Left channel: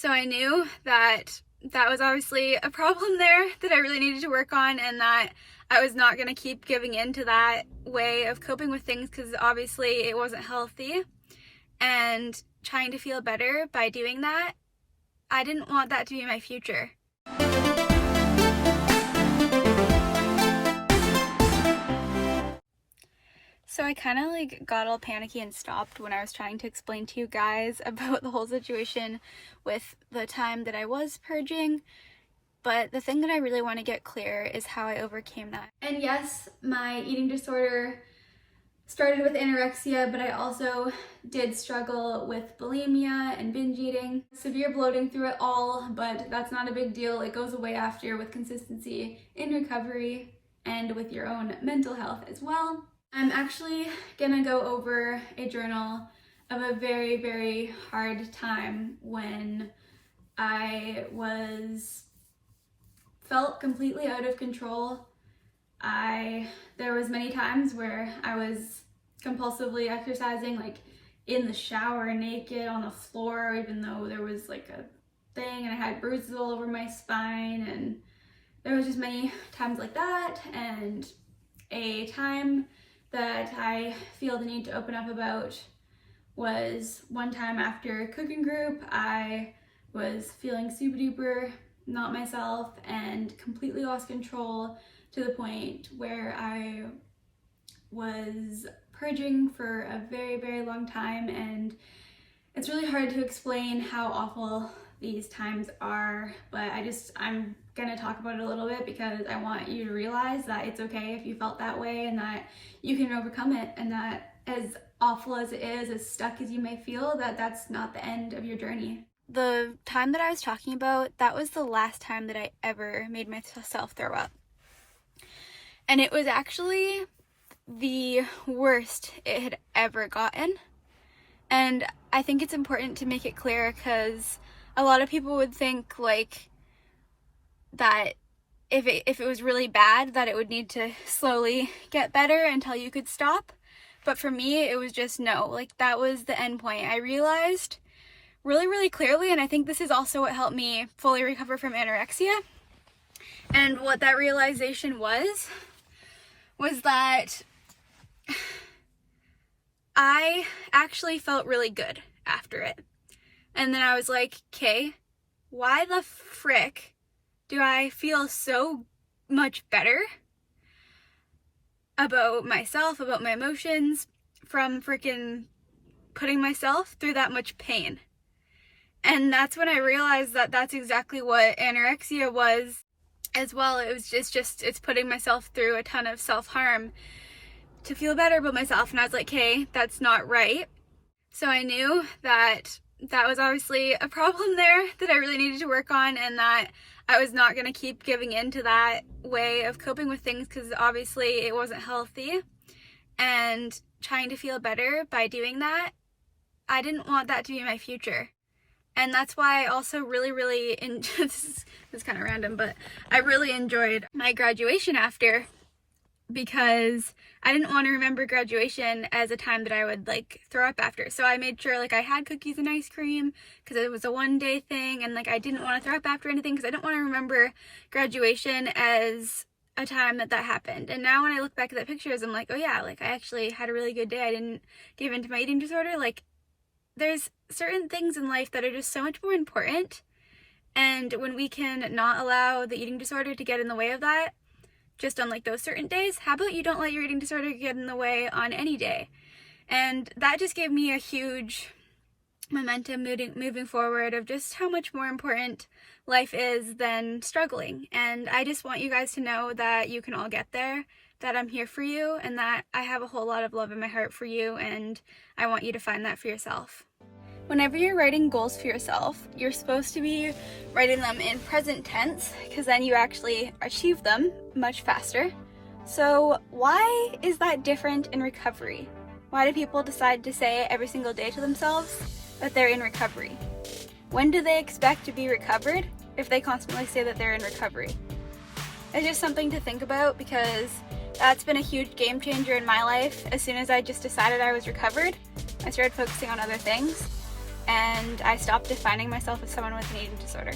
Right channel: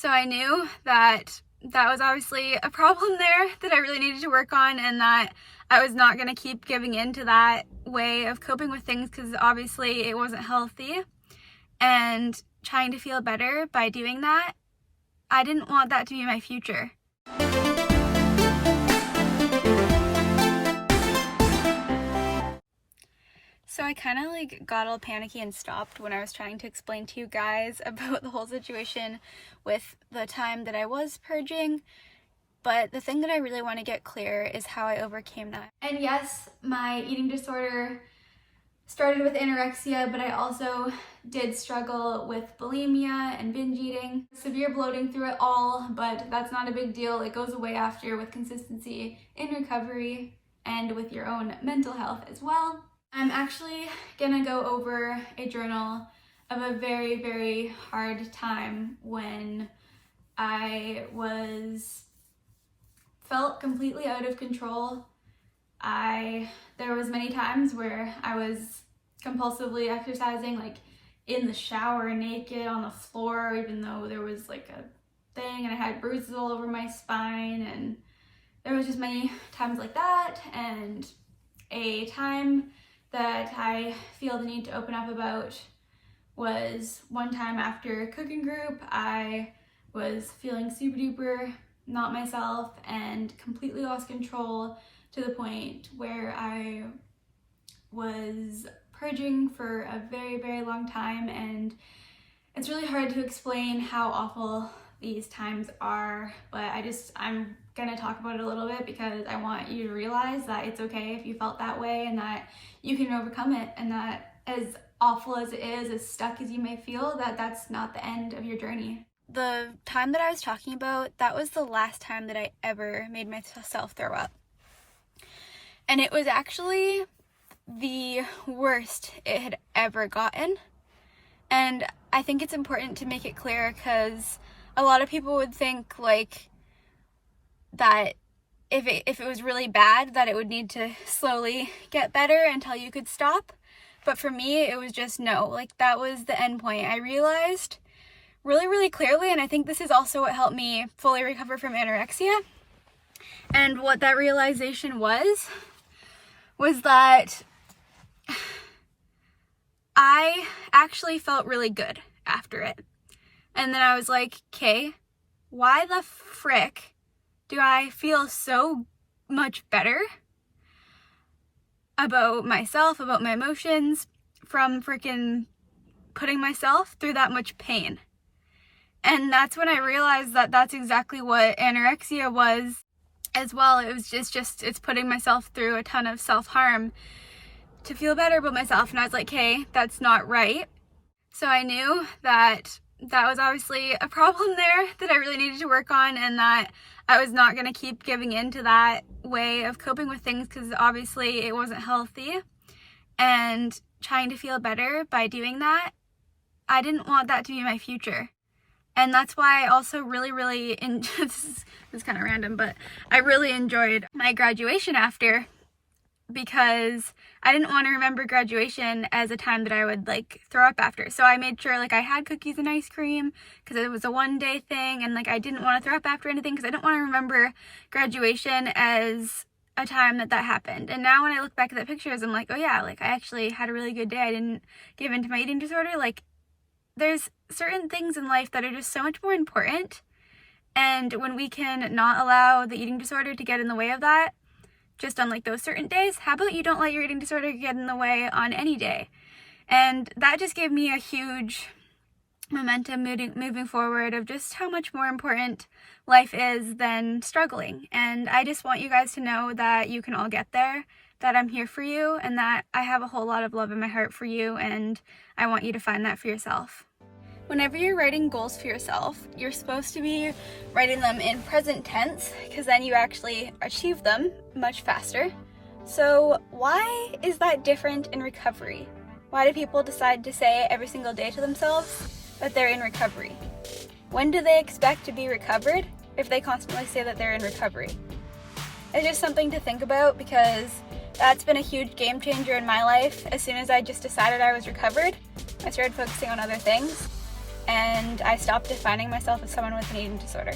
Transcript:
So I knew that that was obviously a problem there that I really needed to work on, and that I was not going to keep giving in to that way of coping with things, because obviously it wasn't healthy. And trying to feel better by doing that, I didn't want that to be my future. So I kind of got all panicky and stopped when I was trying to explain to you guys about the whole situation with the time that I was purging. But the thing that I really want to get clear is how I overcame that. And yes, my eating disorder started with anorexia, but I also did struggle with bulimia and binge eating. Severe bloating through it all, but that's not a big deal. It goes away after with consistency in recovery and with your own mental health as well. I'm actually gonna go over a journal of a very, very hard time when I felt completely out of control. There was many times where I was compulsively exercising, like in the shower naked on the floor, even though there was like a thing, and I had bruises all over my spine, and there was just many times like that. And a time that I feel the need to open up about was one time after cooking group. I was feeling super duper not myself and completely lost control, to the point where I was purging for a very, very long time. And it's really hard to explain how awful these times are, but I'm gonna talk about it a little bit because I want you to realize that it's okay if you felt that way, and that you can overcome it, and that as awful as it is, as stuck as you may feel, that's not the end of your journey. The time that I was talking about, that was the last time that I ever made myself throw up. And it was actually the worst it had ever gotten. And I think it's important to make it clear, because a lot of people would think that if it was really bad, that it would need to slowly get better until you could stop. But for me, it was just no, that was the end point. I realized really, really clearly, and I think this is also what helped me fully recover from anorexia. And what that realization was that I actually felt really good after it. And then I was like, okay, why the frick do I feel so much better about myself, about my emotions, from freaking putting myself through that much pain? And that's when I realized that that's exactly what anorexia was as well. It's putting myself through a ton of self-harm to feel better about myself. And I was like, hey, that's not right. So I knew that that was obviously a problem there that I really needed to work on, and that I was not going to keep giving in to that way of coping with things, because obviously it wasn't healthy. And trying to feel better by doing that, I didn't want that to be my future. And that's why I also really, really, this is kind of random, but I really enjoyed my graduation after, because I didn't want to remember graduation as a time that I would throw up after. So I made sure I had cookies and ice cream, because it was a one-day thing, and I didn't want to throw up after anything, because I didn't want to remember graduation as a time that happened. And now when I look back at the pictures, I'm like, oh yeah, I actually had a really good day. I didn't give in to my eating disorder. There's certain things in life that are just so much more important, and when we can not allow the eating disorder to get in the way of that, just on those certain days, how about you don't let your eating disorder get in the way on any day? And that just gave me a huge momentum moving forward of just how much more important life is than struggling. And I just want you guys to know that you can all get there, that I'm here for you, and that I have a whole lot of love in my heart for you, and I want you to find that for yourself. Whenever you're writing goals for yourself, you're supposed to be writing them in present tense, because then you actually achieve them much faster. So why is that different in recovery? Why do people decide to say every single day to themselves that they're in recovery? When do they expect to be recovered if they constantly say that they're in recovery? It's just something to think about, because that's been a huge game changer in my life. As soon as I just decided I was recovered, I started focusing on other things. and I stopped defining myself as someone with an eating disorder.